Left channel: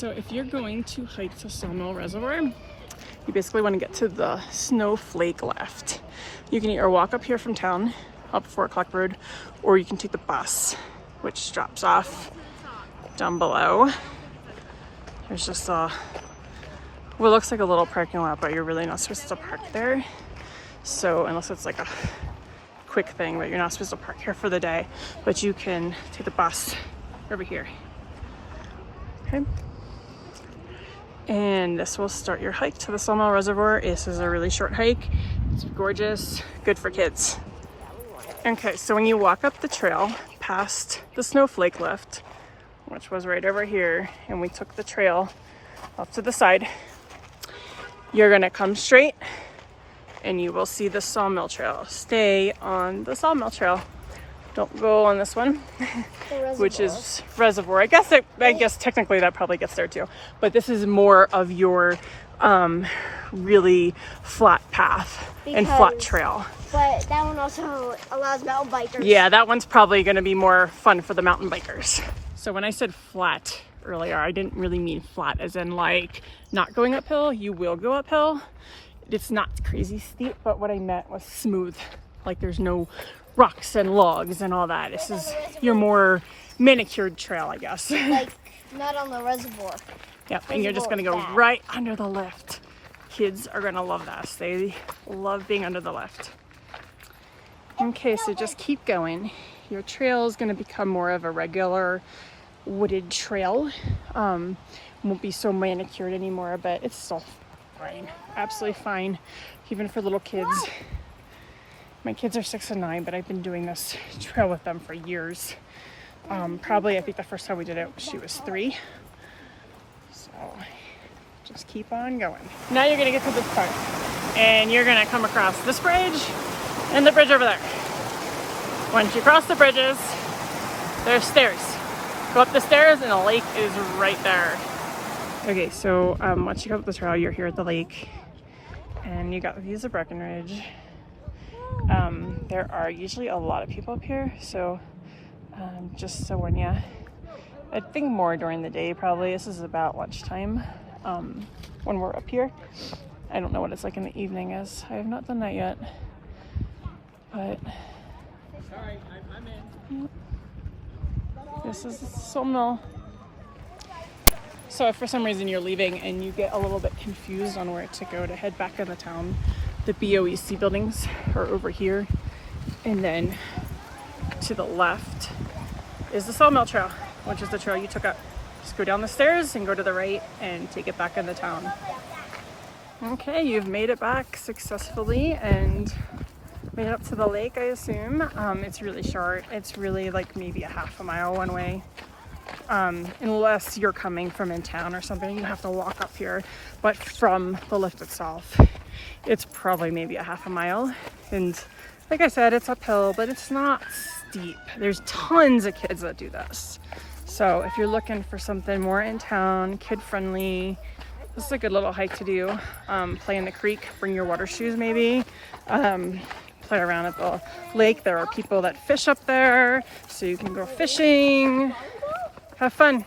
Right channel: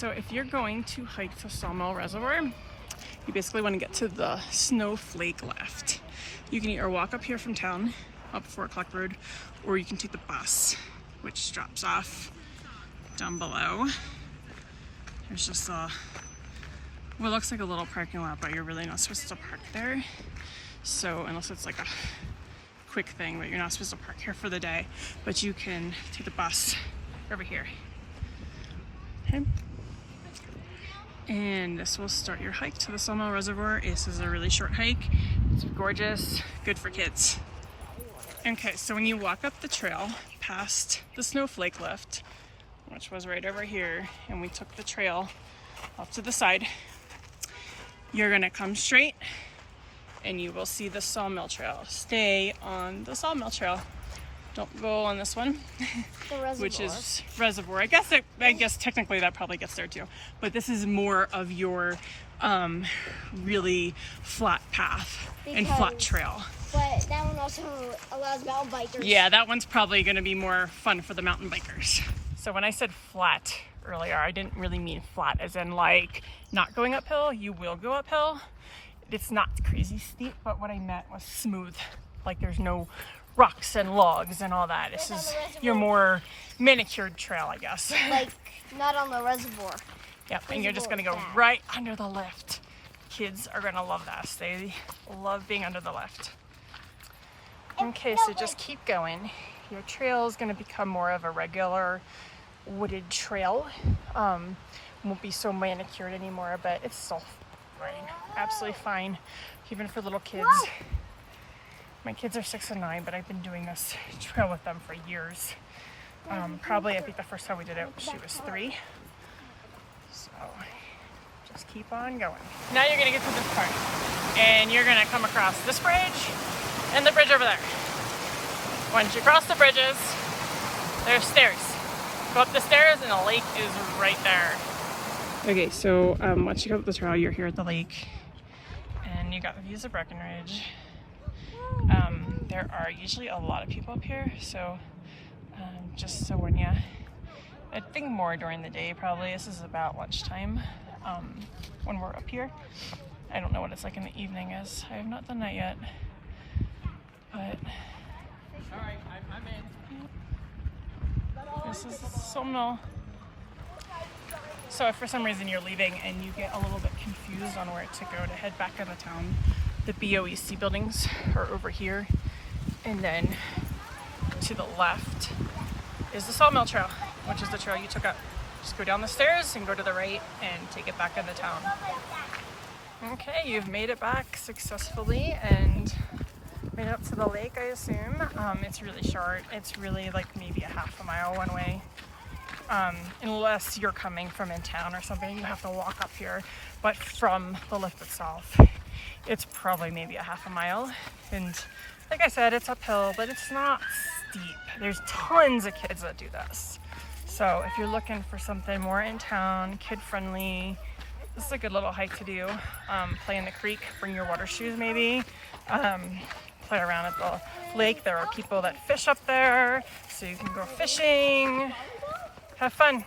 So if you're going to hike the Sawmill Reservoir, you basically want to get to the snowflake left. You can either walk up here from town, up 4 o'clock road, or you can take the bus, which drops off down below. There's just what looks like a little parking lot, but you're really not supposed to park there. So unless it's like a quick thing, but you're not supposed to park here for the day, but you can take the bus over here. Okay. And this will start your hike to the Sawmill Reservoir. This is a really short hike. It's gorgeous, good for kids. Okay, so when you walk up the trail past the snowflake lift, which was right over here, and we took the trail off to the side, you're gonna come straight and you will see the Sawmill Trail. Stay on the Sawmill Trail. Don't go on this one, which is Reservoir. I guess technically that probably gets there too, but this is more of your really flat path and flat trail. But that one also allows mountain bikers. Yeah, that one's probably going to be more fun for the mountain bikers. So when I said flat earlier, I didn't really mean flat as in like not going uphill. You will go uphill. It's not crazy steep, but what I meant was smooth. Like there's no rocks and logs and all that. This is your more manicured trail, I guess. Like not on the reservoir. Yeah, and you're just going to go right under the lift. Kids are going to love this. They love being under the lift. Okay, so just keep going. Your trail is going to become more of a regular wooded trail. Won't be so manicured anymore, but it's still fine. Absolutely fine, even for little kids. My kids are 6 and 9, but I've been doing this trail with them for years. Probably, I think the first time we did it, she was 3. So just keep on going. Now you're gonna get to this part, and you're gonna come across this bridge and the bridge over there. Once you cross the bridges, there's stairs. Go up the stairs and the lake is right there. Okay, so once you go up the trail, you're here at the lake, and you got views of Breckenridge. There are usually a lot of people up here, so just so when you, I think more during the day probably. This is about lunchtime when we're up here. I don't know what it's like in the evening, as I have not done that yet. But this is the Sawmill. So if for some reason you're leaving and you get a little bit confused on where to go to head back into town, the BOEC buildings are over here, and then to the left is the Sawmill Trail, which is the trail you took up. Just go down the stairs and go to the right and take it back into town. Okay, you've made it back successfully and made it up to the lake, I assume. It's really short. It's really like maybe a half a mile one way. Unless you're coming from in town or something, you have to walk up here. But from the lift itself, it's probably maybe a half a mile. And like I said, it's uphill, but it's not steep. There's tons of kids that do this. So if you're looking for something more in town, kid-friendly, this is a good little hike to do. Play in the creek, bring your water shoes maybe. Play around at the lake. There are people that fish up there, so you can go fishing. Have fun.